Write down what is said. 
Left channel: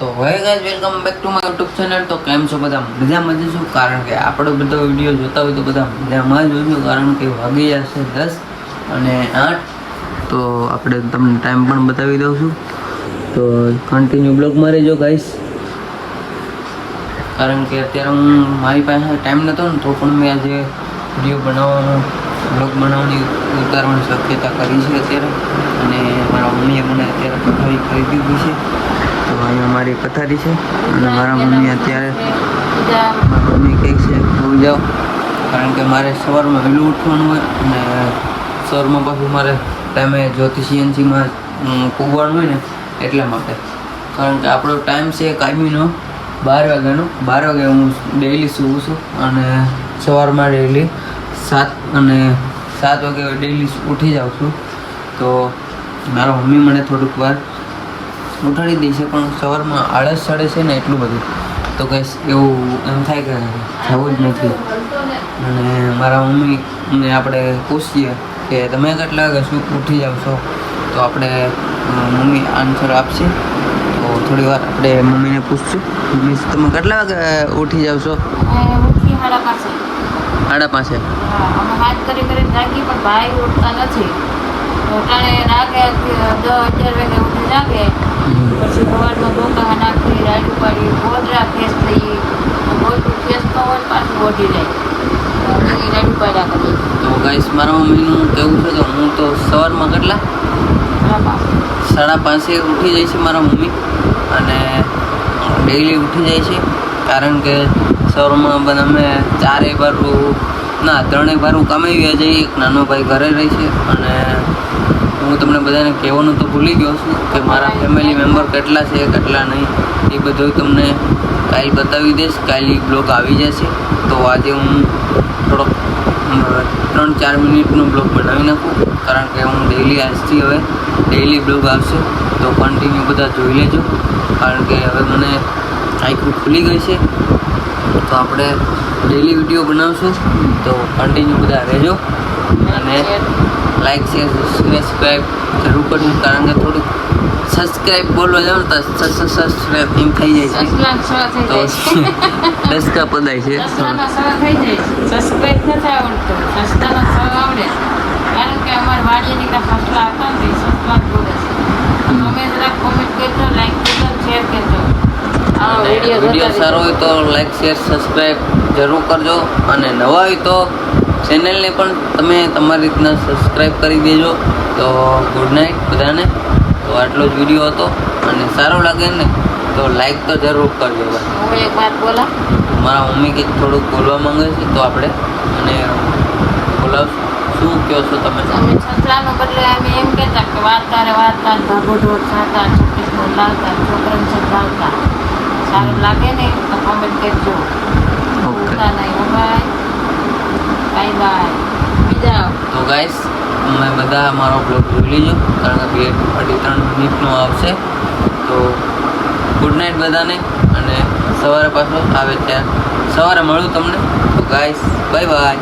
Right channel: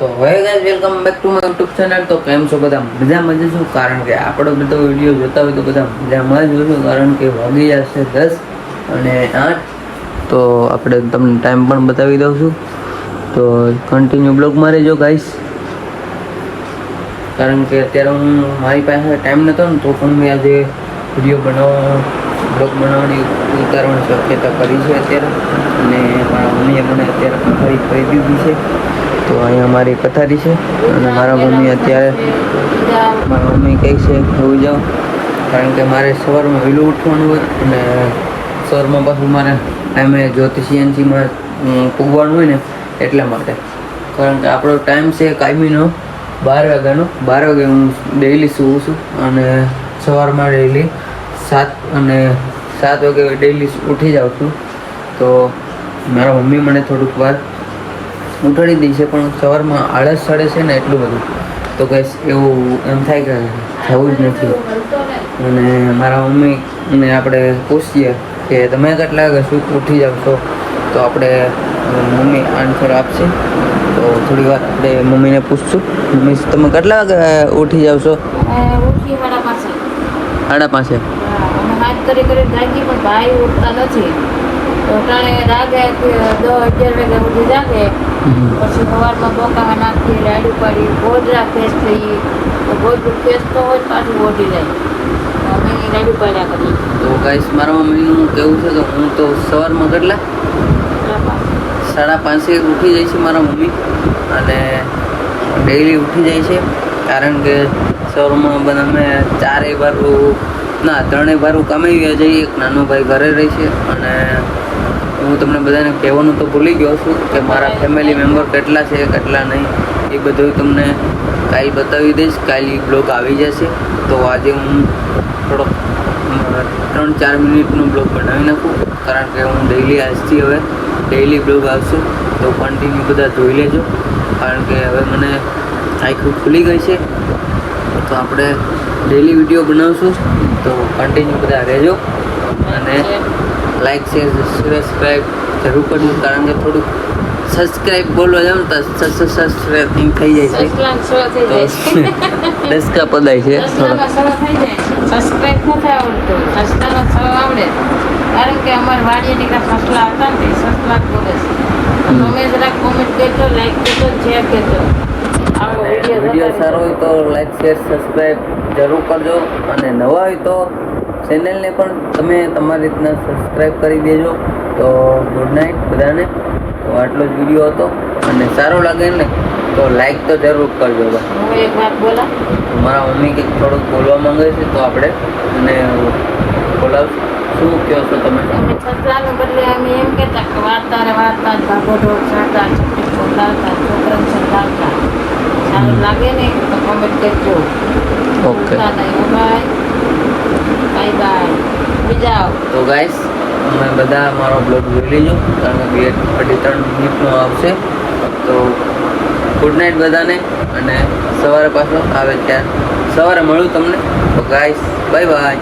તો હવે guys welcome back to my YouTube channel. તો કેમ છો બધા? મજામાં જ છું, કારણ કે આપણો બધો વિડીયો જોતા હોય તો બધા મજામાં જ જોશું, કારણ કે વાગી જશે 10 અને 8. તો આપણે તમને ટાઈમ પણ બતાવી દઉં છું, તો કન્ટિન્યુ બ્લોગમાં રહેજો ગાઈસ, કારણ કે અત્યારે મારી પાસે ટાઈમ નહોતો ને તો પણ મેં આજે વિડીયો બ્લોગ બનાવવાની ઉતારવાની શક્યતા કરી છે અત્યારે. અને મારા મમ્મીએ મને અત્યારે પથારી કરી દીધી છે, તો અહીંયા મારી પથારી છે. અને મારા મમ્મી અત્યારે મારા મમ્મી કહે છે હોઈ જાઓ, કારણ કે મારે સવારમાં વહેલું ઉઠવાનું હોય અને સવારમાં પાછું મારે ટાઈમે જ્યોતિ સીએનસીમાં પૂગવાનું હોય ને એટલા માટે. કારણ કે આપણો ટાઈમ છે કાયમીનો 12 વાગ્યાનો. 12 વાગે હું ડેઈલી સૂવું છું અને સવારમાં ડેઈલી 7 વાગે ડેઈલી ઉઠી જાઉં છું. તો મારા મમ્મી મને થોડુંક વાર ઉઠાડી દે છે, પણ સવારમાં આળસ ચડે છે ને એટલું બધું, તો કંઈ એવું એમ થાય કે થવું જ નથી. અને મારા મમ્મીને આપણે પૂછીએ કે તમે કેટલા વાગે ઉઠી જાવ છો, તો આપણે મમ્મી આન્સર આપશે. તો થોડી વાર આપણે મમ્મીને પૂછશું, મમ્મી તમે કેટલા વાગે ઉઠી જાવ છો? 5:30. હાથ કરી જાગી, પણ ભાઈ ઉઠતા નથી. તો તાણે રાગે 10-11 વાગ્યા સુધી જાગે, પછી સવારમાં બોકા નાખી રાડું પાડી ગોદરા ફેસ થઈ, ગોદરું ફેસ તો હોય પાછું ઓઢી જાય, અમે રાડું પાડ્યા કરીએ. તો ગાઈસ મારા મમ્મીનું કેવું છે કે હું તો સવારમાં કેટલા 5:30 ઉઠી જાય છે મારા મમ્મી, અને ડેઈલી ઉઠી જાય છે, કારણ કે સવારમાં બધા અમે 3 બારું કામે ગયા જઈએ. એક નાનો ભાઈ ઘરે રહી છે. અને હું તમને બધાને કહેવાનું તો ભૂલી ગયો છું કે મારા ફેમિલી મેમ્બર કેટલા છે કેટલા નહીં એ બધું તમને કાલે બતાવી દઈશ. કાલે બ્લોગ આવી જશે, તો આજે હું થોડોક 3-4 મિનિટનો બ્લોગ બનાવી નાખું, કારણ કે હું ડેઈલી આજથી હવે ડેઈલી બ્લોગ આવશે, તો કન્ટિન્યુ બધા જોઈ લેજો. કારણ કે હવે મને આખું ખુલી ગઈ છે, તો આપણે ડેઈલી વિડીયો બનાવશું, તો કન્ટિન્યુ બધા રહેજો. અને લાઈક શેર સબસ્ક્રાઈબ જરૂર કરજો, કારણ કે થોડુંક સબસ્ક્રાઈબ બોલવા જાવ તો સબસ્ક્રાઈબ થઈ જાય છે, 10 કા પદાય છે સબસ્ક્રાઈબ નથી આવડતું, સબસ્ક્રાઈબ આવડે, કારણ કે અમારા વાડીયાની કાંઈ ફસલા હતા ને સસલા બોલે છે. તમે જરાક કોમેન્ટ કરજો, લાઈક કરજો, શેર કરજો. વિડીયો સારો હોય તો લાઈક શેર સબસ્ક્રાઈબ જરૂર કરજો, અને નવા હોય તો ચેનલને પણ તમે તમારી રીતના સબસ્ક્રાઈબ કરી દેજો. તો ગુડ નાઇટ બધાને. તો આટલો જ વિડીયો હતો, અને સારો લાગે ને તો લાઈક તો જરૂર કરજો ભાઈ. એક વાત બોલો, મારા મમ્મી કંઈક થોડુંક બોલવા માંગે છે, તો આપણે અને બોલાવશું. શું કહો છો તમે? સસલાનું બદલે અમે એમ કહેતા કે વાર્તા ભાગો ઢોર ખાતા છત્તીસ લાવતા છોકરાને સમજાવતા. સારું લાગે ને તો કોમેન્ટ કરજો. Okay, bye bye. બીજા તો ગાઈસ અમે બધા મારો બ્લોગ જોઈ લેજો, કારણ કે 2-3 મિનિટનો આવશે. તો ગુડ નાઇટ બધાને, અને સવારે પાછો આવે ત્યાં સવારે મળું તમને. તો ગાઈસ બાય બાય.